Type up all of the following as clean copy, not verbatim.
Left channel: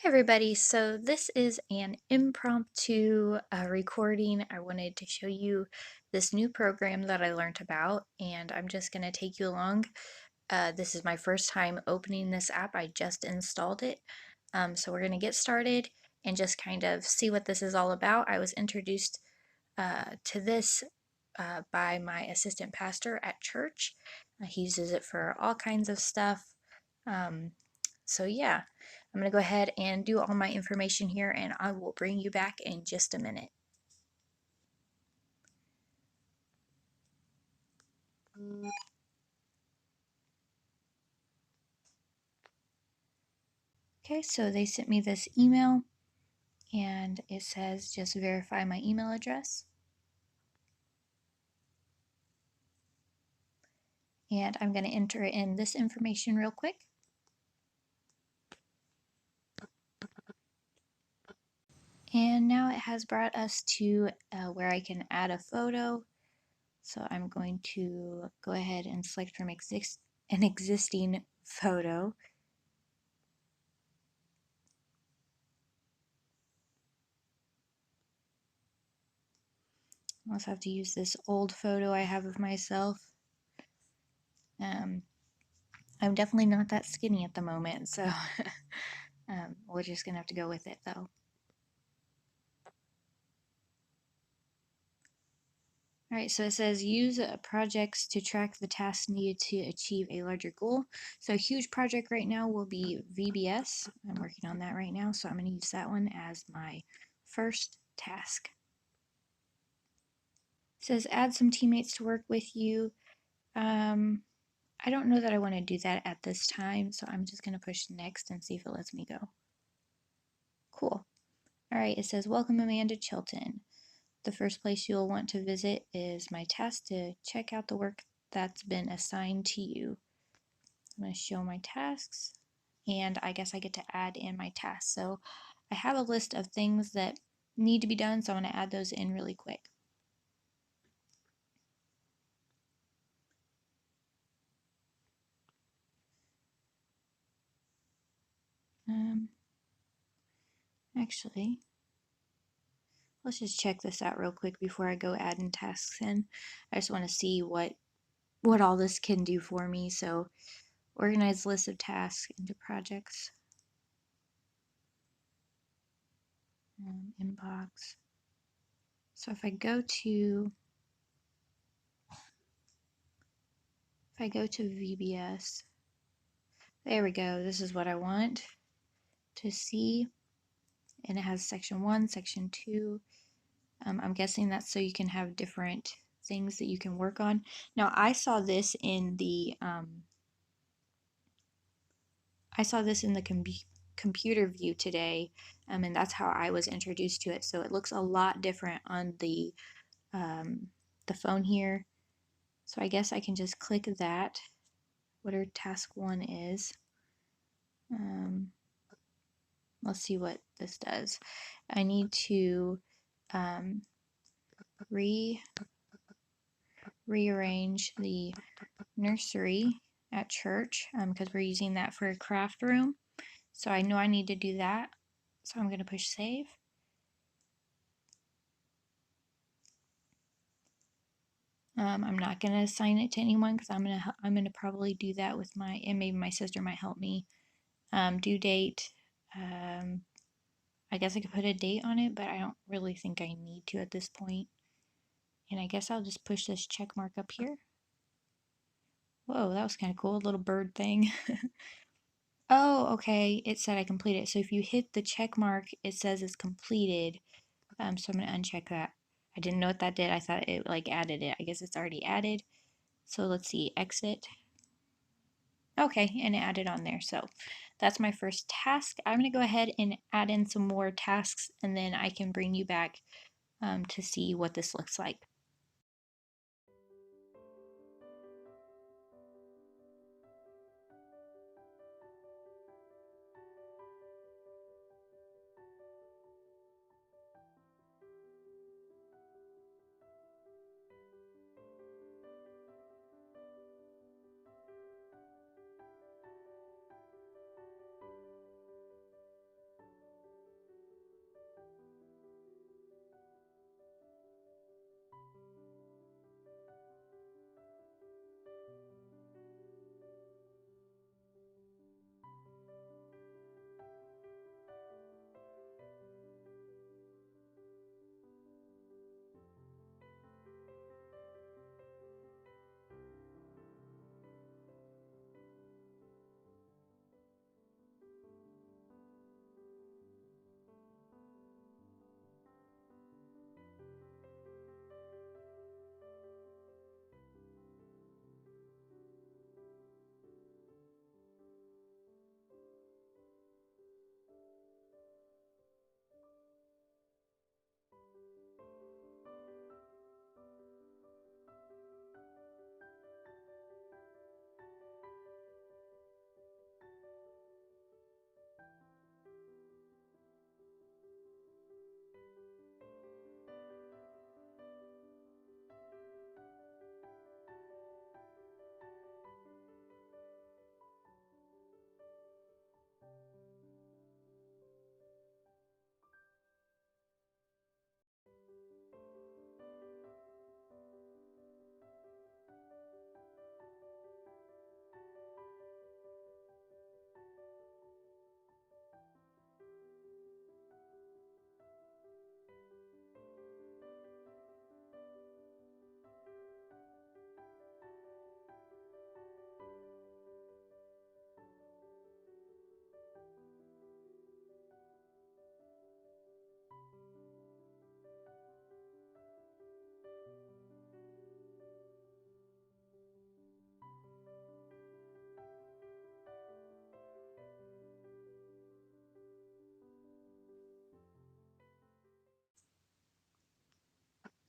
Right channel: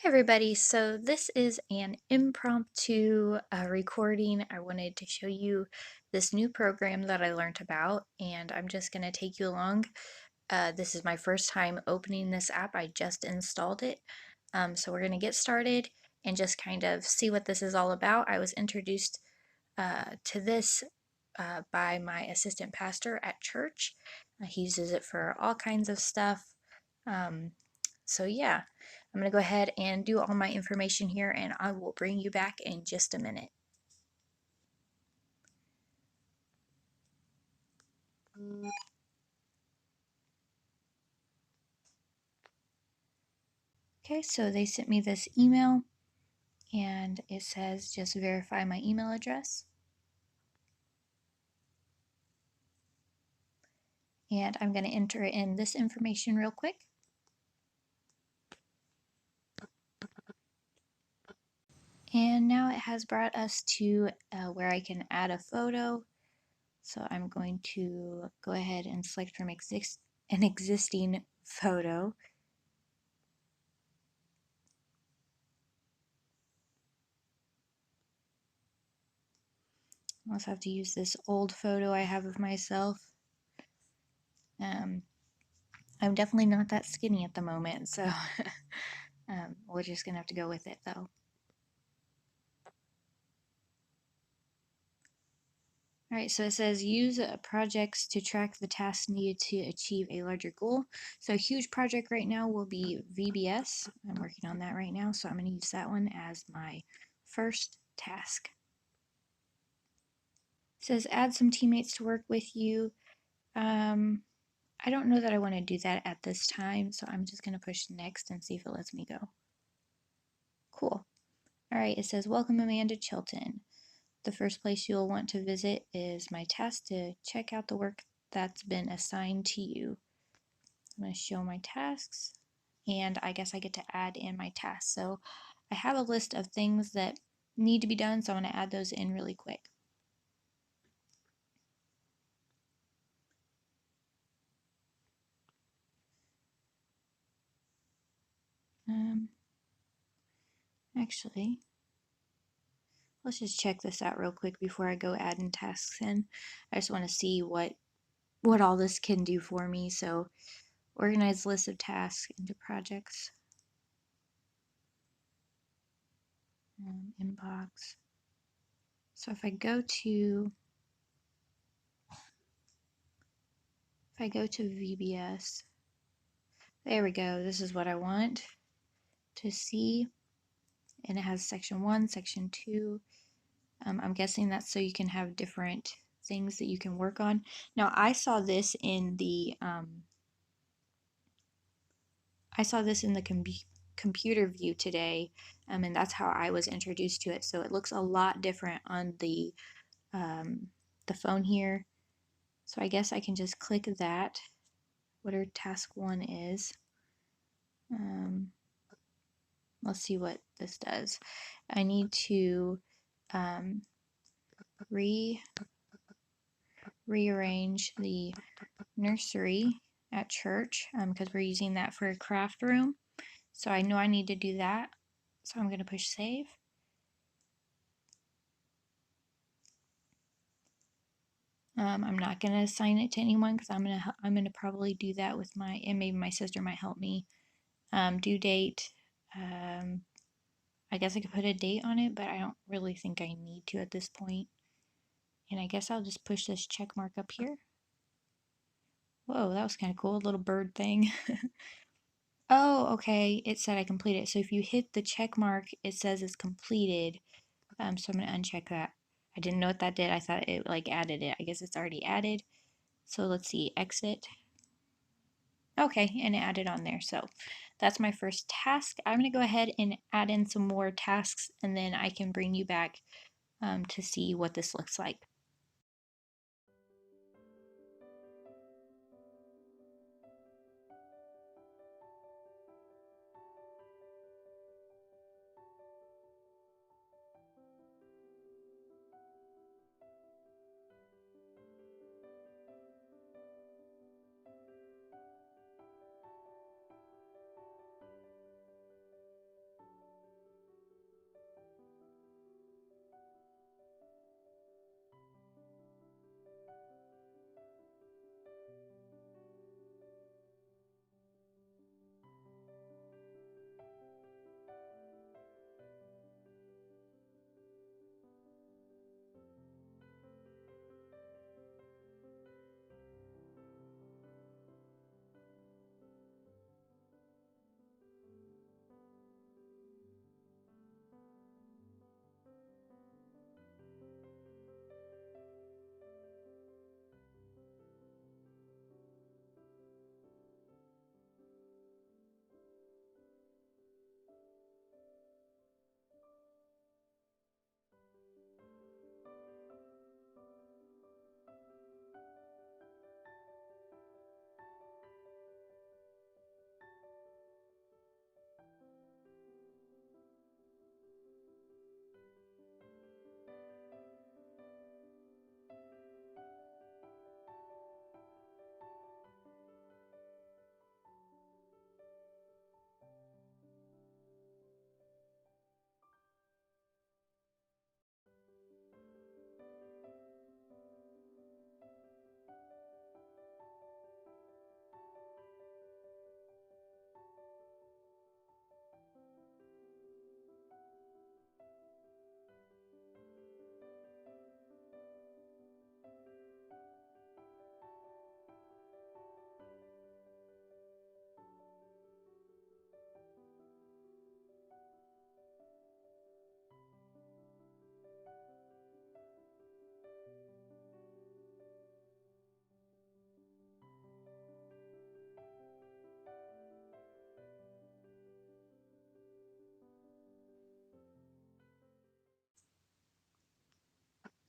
Hey everybody, so this is an impromptu recording. I wanted to show you this new program that I learned about, and I'm just going to take you along. This is my first time opening this app. I just installed it. So we're going to get started and just kind of see what this is all about. I was introduced to this by my assistant pastor at church. He uses it for all kinds of stuff. Um, so yeah, I'm going to go ahead and do all my information here and I will bring you back in just a minute. Okay, so they sent me this email and it says just verify my email address. And I'm going to enter in this information real quick. And now it has brought us to where I can add a photo. So I'm going to go ahead and select from an existing photo. I also have to use this old photo I have of myself. I'm definitely not that skinny at the moment, so we're just gonna have to go with it though. Alright, so it says use projects to track the tasks needed to achieve a larger goal. So a huge project right now will be VBS. I'm working on that right now, so I'm going to use that one as my first task. It says add some teammates to work with you. I don't know that I want to do that at this time, so I'm just going to push next and see if it lets me go. Cool. Alright, it says welcome Amanda Chilton. The first place you'll want to visit is my task to check out the work that's been assigned to you. I'm going to show my tasks, and I guess I get to add in my tasks. So I have a list of things that need to be done, so I'm going to add those in really quick. Actually, let's just check this out real quick before I go adding tasks in. I just want to see what all this can do for me. So organize list of tasks into projects. Inbox. So if I go to VBS, there we go. This is what I want to see. And it has section 1, section 2. I'm guessing that's so you can have different things that you can work on. Now I saw this in the computer view today, and that's how I was introduced to it. So it looks a lot different on the phone here. So I guess I can just click that, whatever task 1 is. Let's see what this does. I need to rearrange the nursery at church because we're using that for a craft room. So I know I need to do that. So I'm going to push save. I'm not going to assign it to anyone because I'm gonna probably do that with and maybe my sister might help me. Due date. I guess I could put a date on it, but I don't really think I need to at this point. And I guess I'll just push this check mark up here. Whoa, that was kind of cool, a little bird thing. Oh, okay, it said I completed it. So if you hit the check mark, it says it's completed. So I'm gonna uncheck that. I didn't know what that did. I thought it like added it. I guess it's already added. So let's see, exit. Okay, and it added on there. So that's my first task. I'm gonna go ahead and add in some more tasks and then I can bring you back to see what this looks like.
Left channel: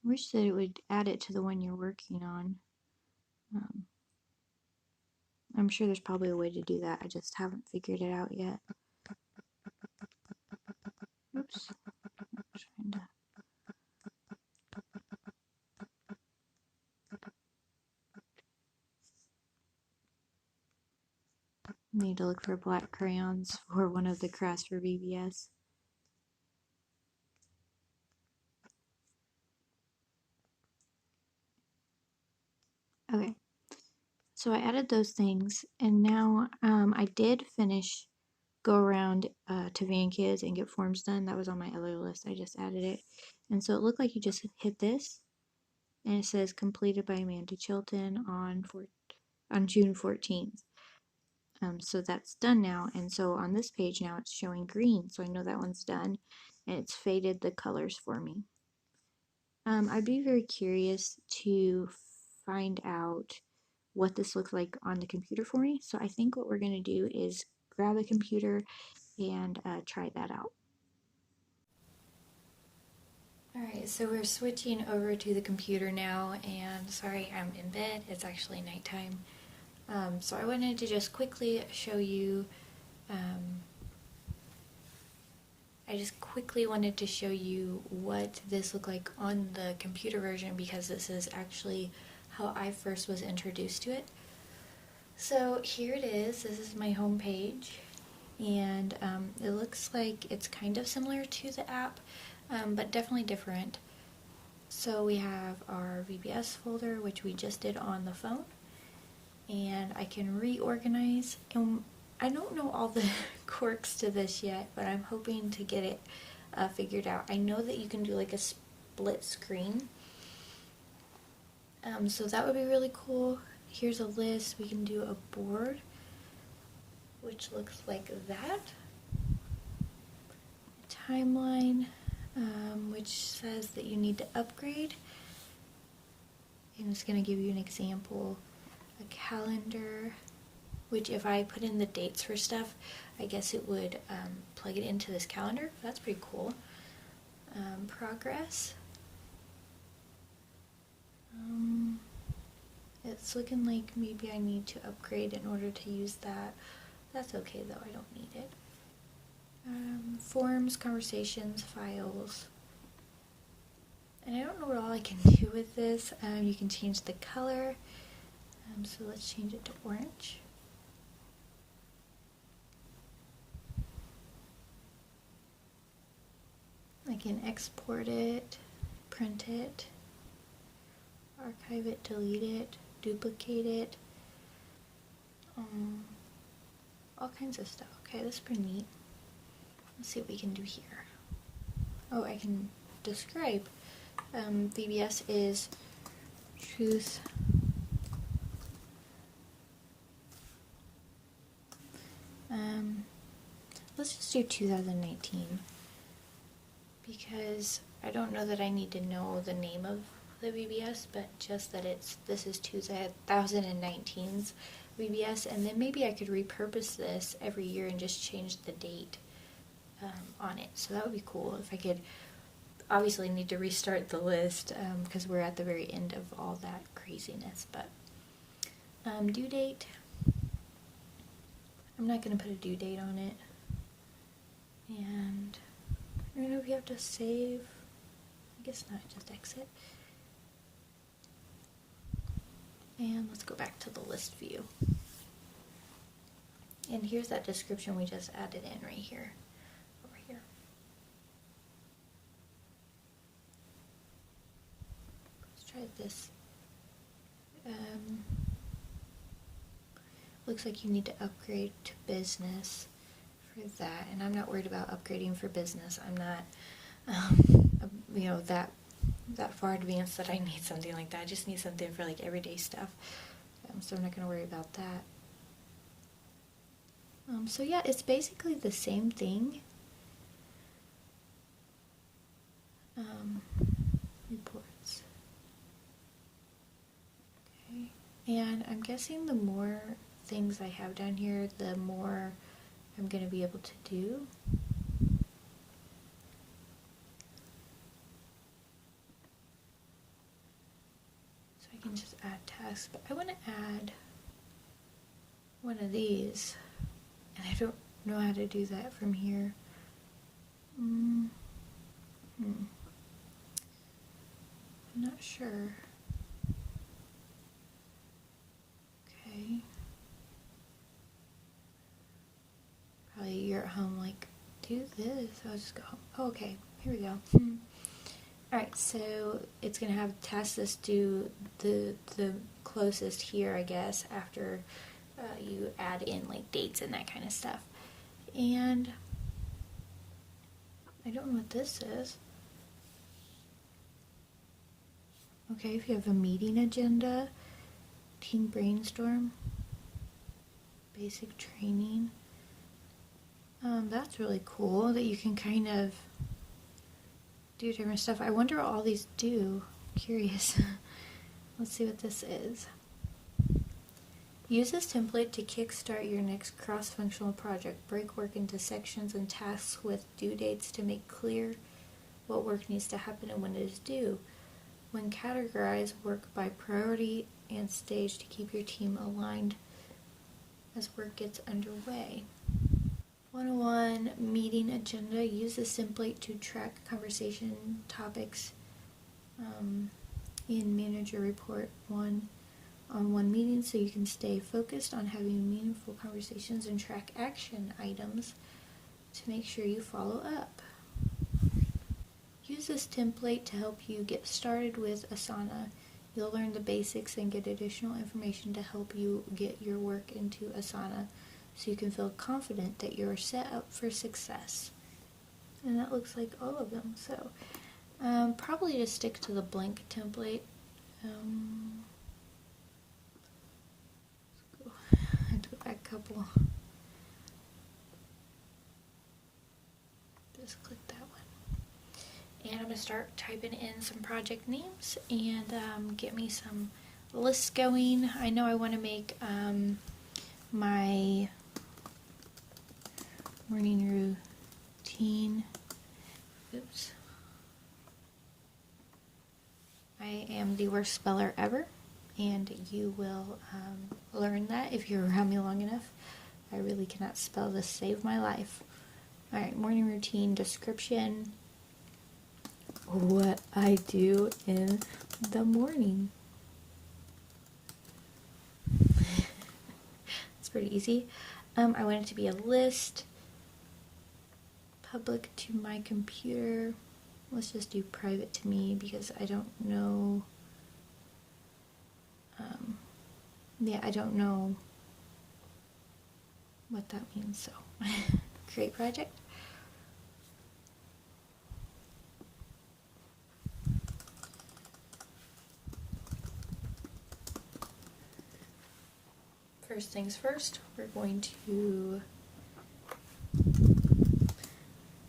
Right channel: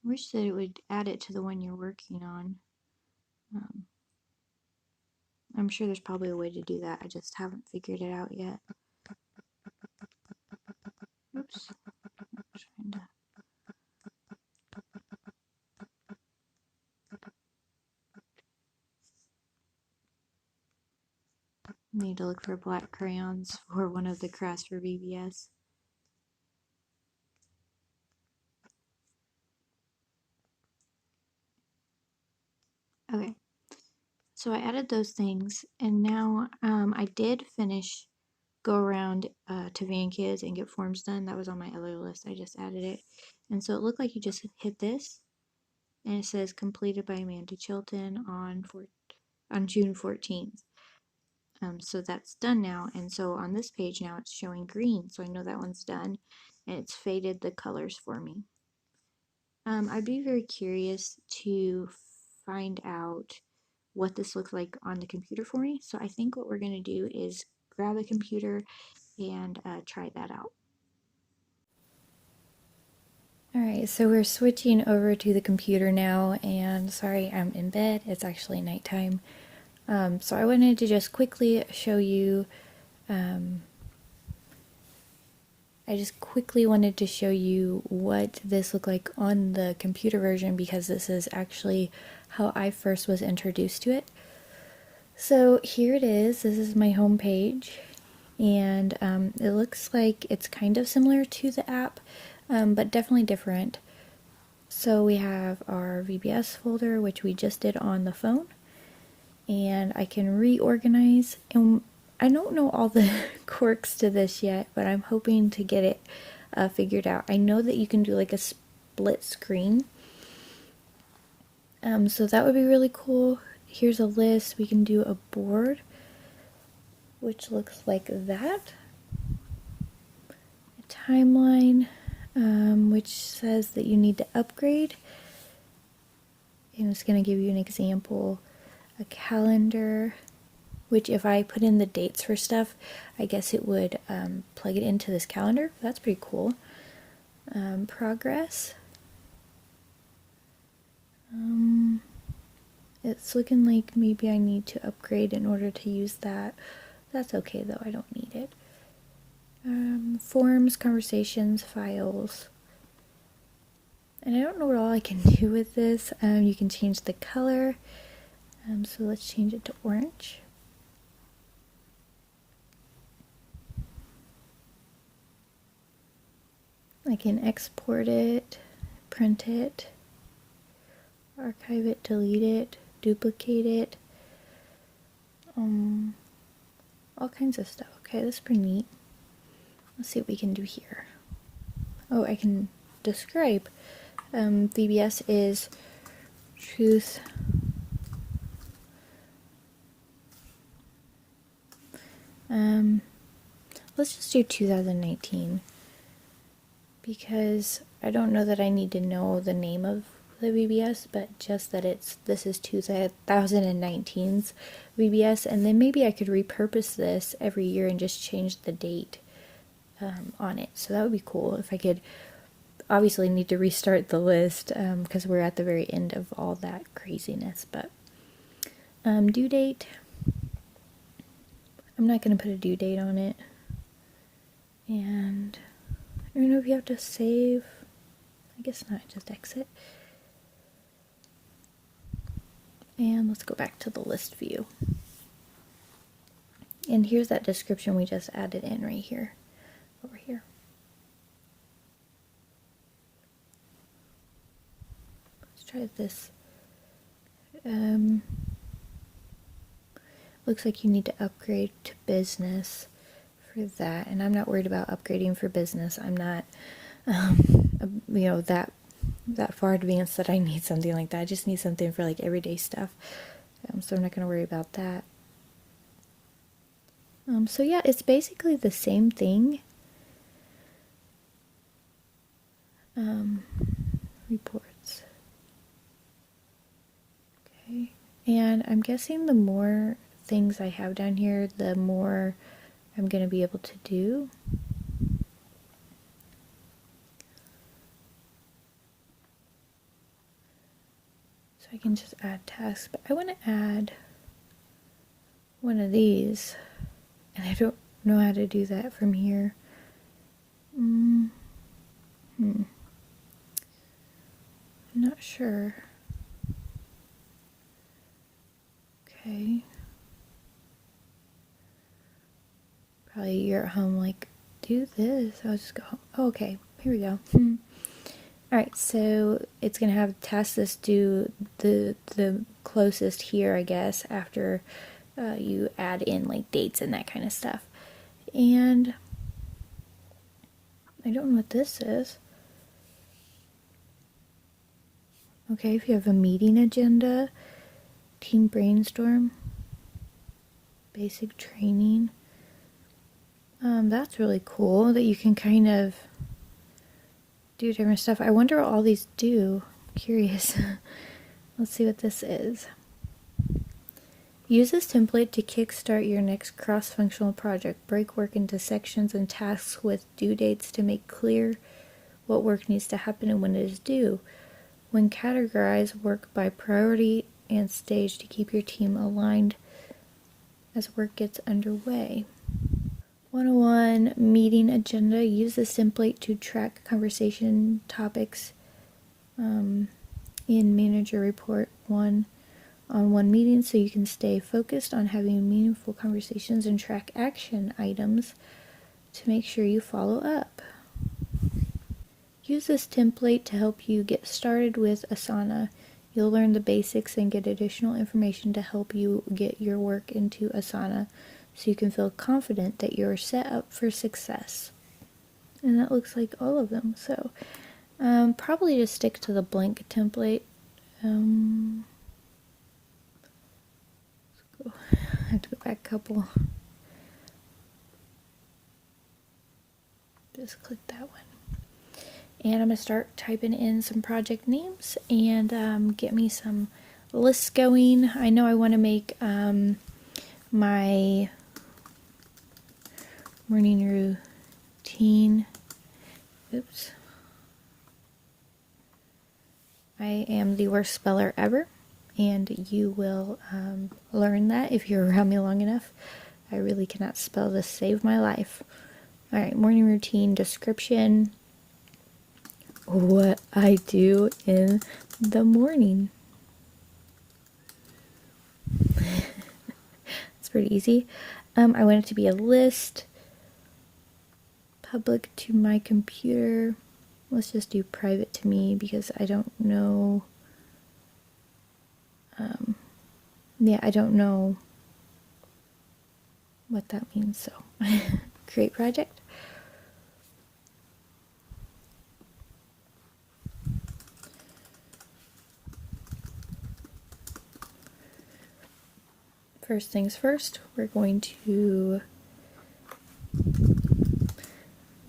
wish that it would add it to the one you're working on. I'm sure there's probably a way to do that. I just haven't figured it out yet. Oops. I'm trying to... Need to look for black crayons for one of the crafts for VBS. Okay, so I added those things, and now I did go around to Van Kids and get forms done. That was on my other list. I just added it, and so it looked like you just hit this, and it says completed by Amanda Chilton on June 14th. So that's done now, and so on this page now it's showing green, so I know that one's done, and it's faded the colors for me. I'd be very curious to find out what this looks like on the computer for me, so I think what we're going to do is grab a computer and try that out. Alright, so we're switching over to the computer now, and sorry, I'm in bed, it's actually nighttime. So I wanted to just quickly show you, what this looked like on the computer version, because this is actually how I first was introduced to it. So here it is. This is my home page, and it looks like it's kind of similar to the app, but definitely different. So we have our VBS folder, which we just did on the phone, and I can reorganize, and I don't know all the quirks to this yet, but I'm hoping to get it figured out. I know that you can do like a split screen, so that would be really cool. Here's a list. We can do a board, which looks like that. A timeline, which says that you need to upgrade. And it's going to give you an example. A calendar, which if I put in the dates for stuff, I guess it would plug it into this calendar. That's pretty cool. Progress. It's looking like maybe I need to upgrade in order to use that. That's okay though, I don't need it. Forms, conversations, files. And I don't know what all I can do with this. You can change the color. So let's change it to orange. I can export it, print it, archive it, delete it, duplicate it, all kinds of stuff. Okay, that's pretty neat. Let's see what we can do here. Oh, I can describe. VBS is truth. Let's just do 2019, because I don't know that I need to know the name of the VBS, but just that this is 2019's VBS, and then maybe I could repurpose this every year and just change the date on it. So that would be cool if I could. Obviously need to restart the list because we're at the very end of all that craziness, but due date, I'm not going to put a due date on it, and I don't know if you have to save. I guess not, just exit. And let's go back to the list view. And here's that description we just added in right here, over here. Let's try this. Looks like you need to upgrade to business for that, and I'm not worried about upgrading for business. I'm not, that far advanced that I need something like that. I just need something for like everyday stuff, so I'm not going to worry about that. So yeah, it's basically the same thing. Reports. Okay, and I'm guessing the more things I have down here, the more I'm going to be able to do. can just add tasks, but I want to add one of these, and I don't know how to do that from here. I'm not sure. Okay. Probably you're at home like, do this. I'll just go home. Oh, okay, here we go. Alright, so it's going to have tasks that do the closest here, I guess, after you add in like dates and that kind of stuff. And I don't know what this is. Okay, if you have a meeting agenda, team brainstorm, basic training. That's really cool that you can kind of do different stuff. I wonder what all these do. Curious. Let's see what this is. Use this template to kickstart your next cross-functional project. Break work into sections and tasks with due dates to make clear what work needs to happen and when it is due. When categorize work by priority and stage to keep your team aligned as work gets underway. 101 meeting agenda. Use this template to track conversation topics in manager report 1-on-1 meetings so you can stay focused on having meaningful conversations and track action items to make sure you follow up. Use this template to help you get started with Asana. You'll learn the basics and get additional information to help you get your work into Asana so you can feel confident that you're set up for success. And that looks like all of them. So probably just stick to the blank template. I have to go back a couple. Just click that one. And I'm going to start typing in some project names and get me some lists going. I know I want to make my morning routine. Oops. I am the worst speller ever, and you will learn that if you're around me long enough. I really cannot spell to save my life. Alright, morning routine description. What I do in the morning. It's pretty easy. I want it to be a list. Public to my computer. Let's just do private to me because I don't know. I don't know what that means. So, create project. First things first, we're going to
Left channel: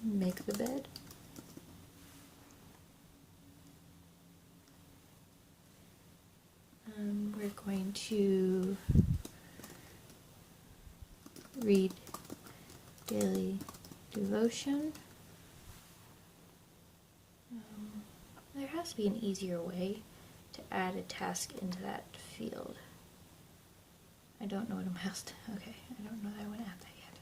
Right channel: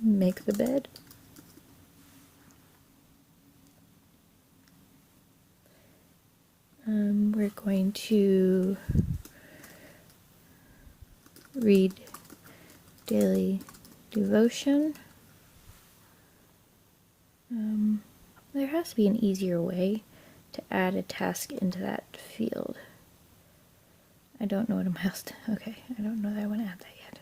make the bed. We're going to read daily devotion. There has to be an easier way to add a task into that field. I don't know what I'm asked. Okay, I don't know that I want to add that yet.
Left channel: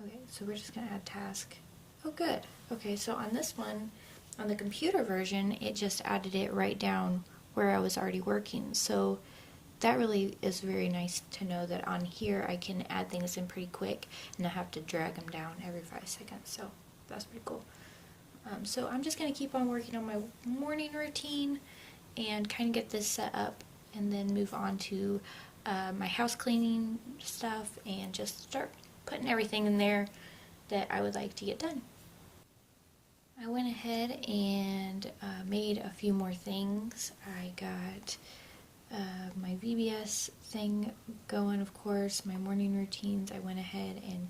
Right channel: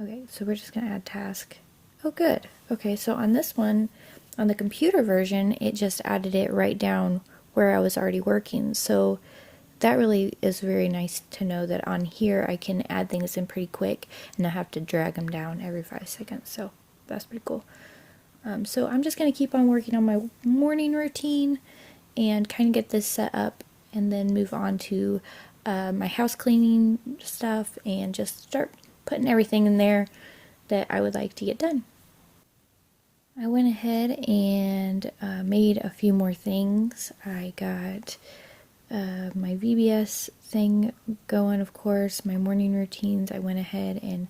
Okay, so we're just going to add task. Oh, good. Okay, so on this one, on the computer version, it just added it right down where I was already working. So that really is very nice to know that on here I can add things in pretty quick and not have to drag them down every 5 seconds. So that's pretty cool. So I'm just going to keep on working on my morning routine and kind of get this set up and then move on to my house cleaning stuff and just start putting everything in there that I would like to get done. I went ahead and made a few more things. I got my VBS thing going, of course, my morning routines. I went ahead and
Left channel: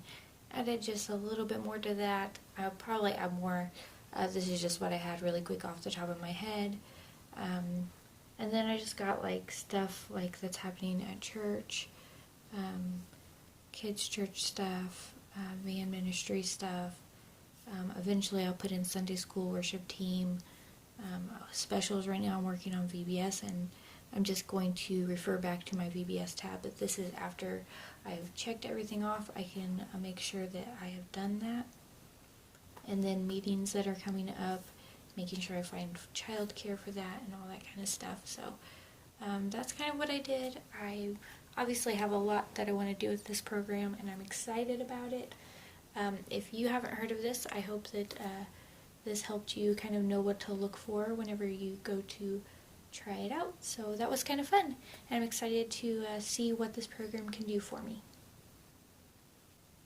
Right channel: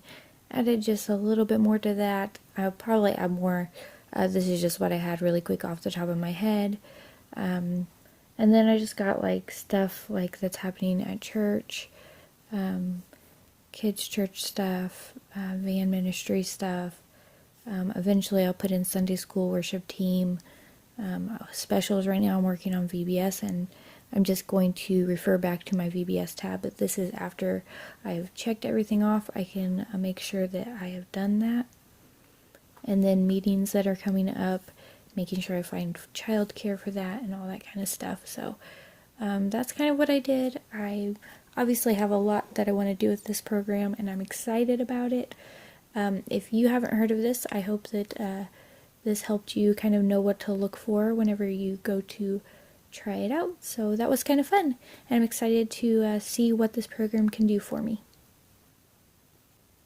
added just a little bit more to that. I'll probably add more. This is just what I had really quick off the top of my head. And then I just got like stuff like that's happening at church, kids' church stuff, van ministry stuff. Eventually I'll put in Sunday school worship team specials. Right now I'm working on VBS and I'm just going to refer back to my VBS tab, but this is after I've checked everything off. I can make sure that I have done that. And then meetings that are coming up, making sure I find childcare for that and all that kind of stuff. So that's kind of what I did. I obviously have a lot that I want to do with this program, and I'm excited about it. If you haven't heard of this, I hope that this helped you kind of know what to look for whenever you go to try it out. So that was kind of fun, and I'm excited to see what this program can do for me.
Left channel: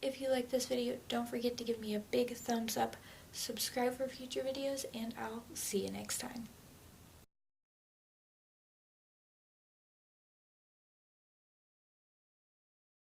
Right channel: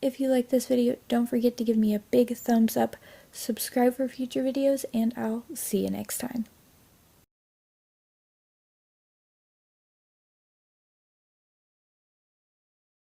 If you like this video, don't forget to give me a big thumbs up, subscribe for future videos, and I'll see you next time.